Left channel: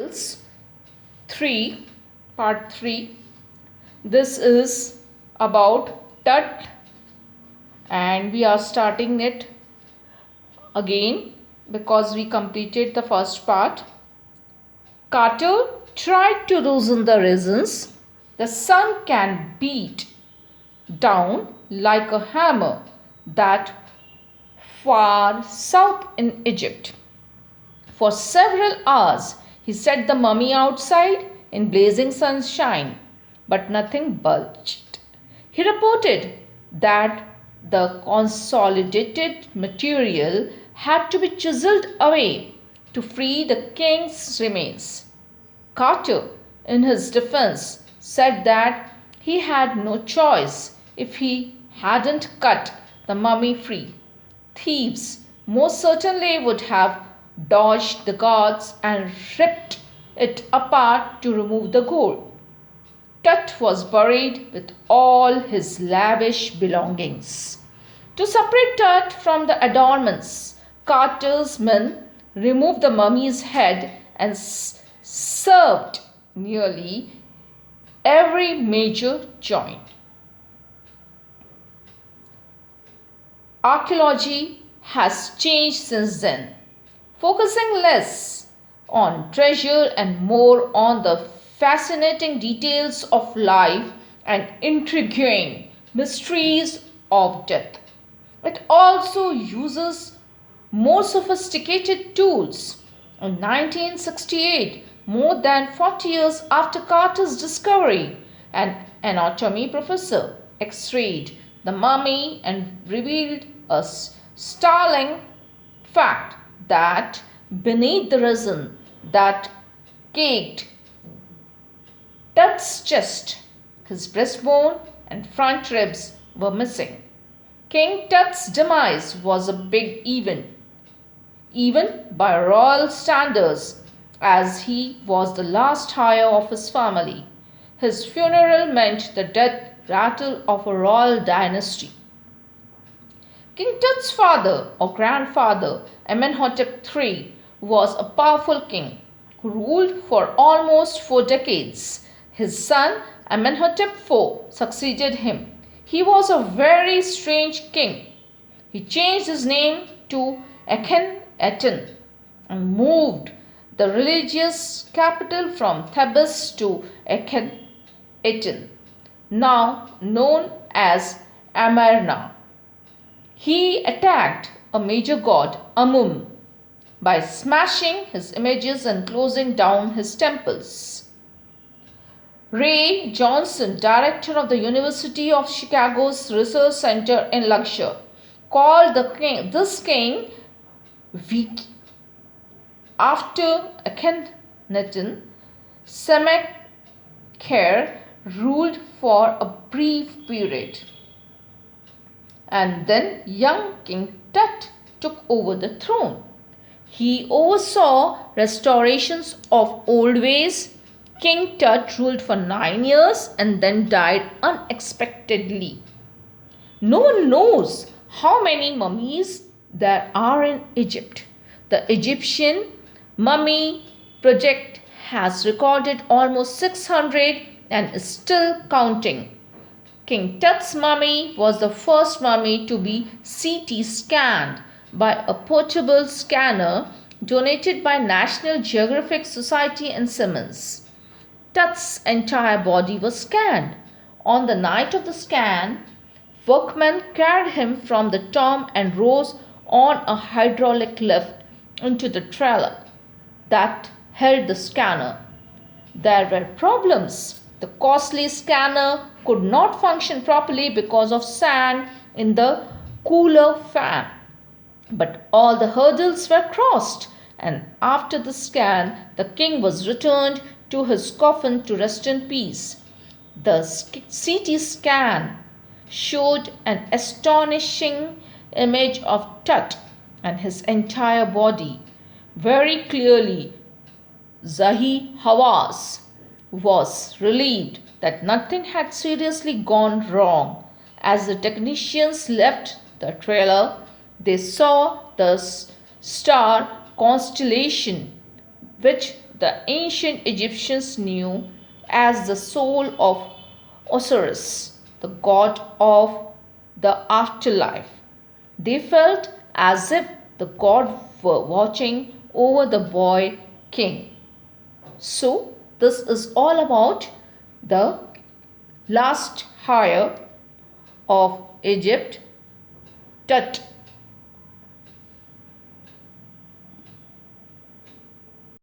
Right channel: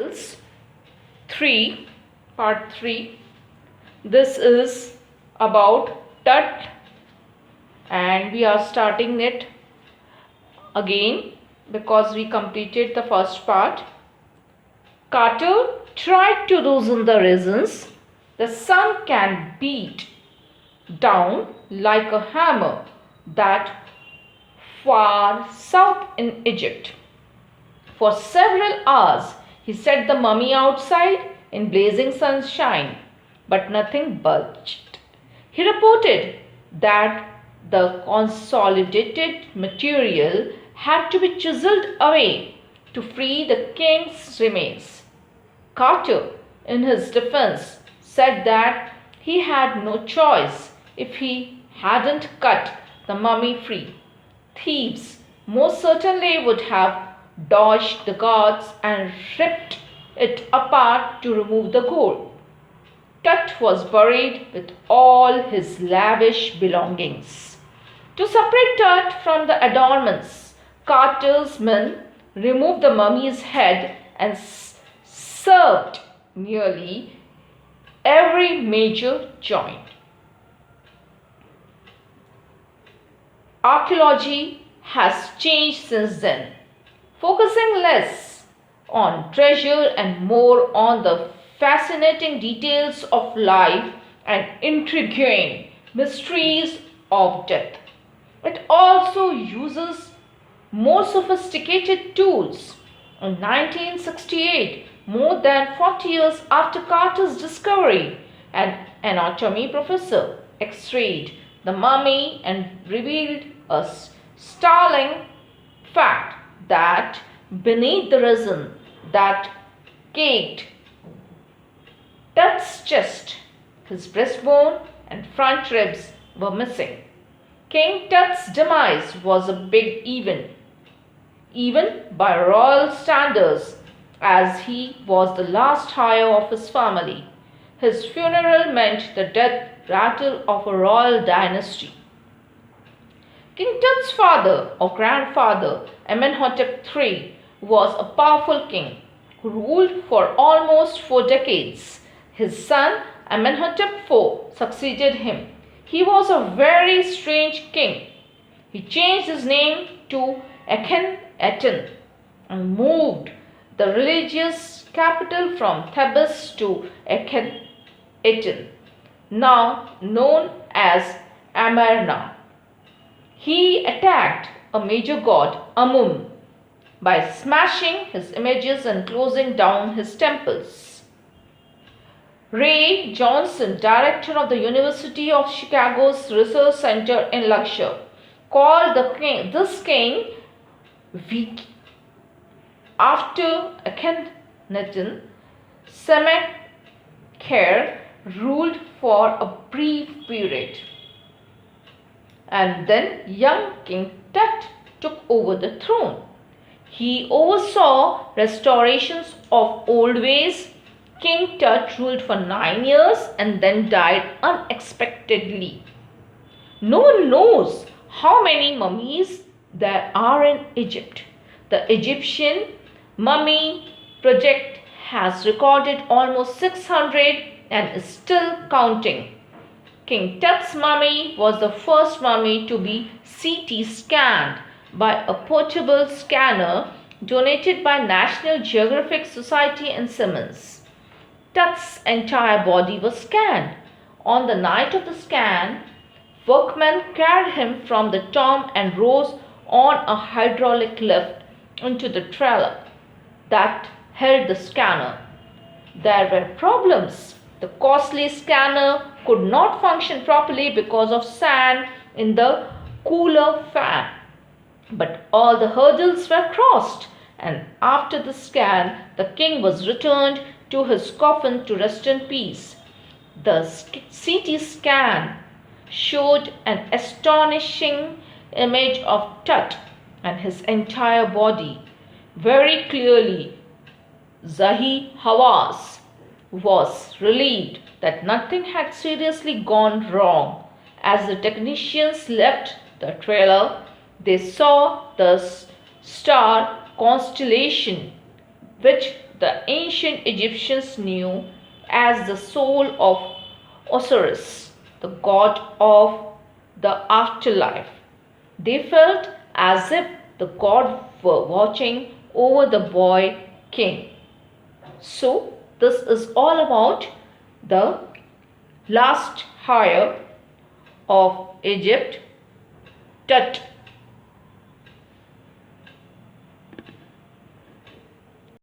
Riddles 3, part 3. This is about TUT and we are starting it again because we completed the first part. Carter tried to loosen the reasons the sun can beat down like a hammer that far south in Egypt. For several hours he set the mummy outside in blazing sunshine, but nothing budged. He reported that the consolidated material had to be chiseled away to free the king's remains. Carter, in his defense, said that he had no choice if he hadn't cut the mummy free. Thieves most certainly would have dodged the guards and ripped it apart to remove the gold. Tut was buried with all his lavish belongings. To separate Tut from the adornments, Carter's men removed the mummy's head and severed nearly every major joint. Archaeology has changed since then, focusing less on treasure and more on the fascinating details of life and intriguing mysteries of death. It also uses more sophisticated tools. In 1968, more than 40 years after Carter's discovery, an anatomy professor x-rayed the mummy and revealed a startling fact that beneath the resin that caked Tut's chest, his breastbone and front ribs were missing. King Tut's demise was a big event, even by royal standards, as he was the last heir of his family. His funeral meant the death rattle of a royal dynasty. King Tut's father or grandfather, Amenhotep III, was a powerful king who ruled for almost 4 decades. His son, Amenhotep IV, succeeded him. He was a very strange king. He changed his name to Akhenaten and moved the religious capital from Thebes to Akhenaten, now known as Amarna. He attacked a major god, Amun, by smashing his images and closing down his temples. Ray Johnson, director of the University of Chicago's Research Center in Luxor, called this king weak. After Akhenaten, Sennacherib ruled for a brief period, and then young King Tut took over the throne. He oversaw restorations of old ways. King Tut ruled for 9 years and then died unexpectedly. No one knows how many mummies there are in Egypt. The Egyptian Mummy Project has recorded almost 600 and is still counting. King Tut's mummy was the first mummy to be CT scanned by a portable scanner donated by National Geographic Society in Simmons. Tut's entire body was scanned. On the night of the scan, workmen carried him from the tomb and rose on a hydraulic lift into the trailer that held the scanner. There were problems. The costly scanner could not function properly because of sand in the cooler fan. But all the hurdles were crossed, and after the scan, the king was returned to his coffin to rest in peace. The CT scan showed an astonishing image of Tut and his entire body. Very clearly, Zahi Hawass was relieved that nothing had seriously gone wrong. As the technicians left the trailer, they saw the star constellation which the ancient Egyptians knew as the soul of Osiris, the god of the afterlife. They felt as if the god were watching over the boy king. So, this is all about the last hire of Egypt, TUT.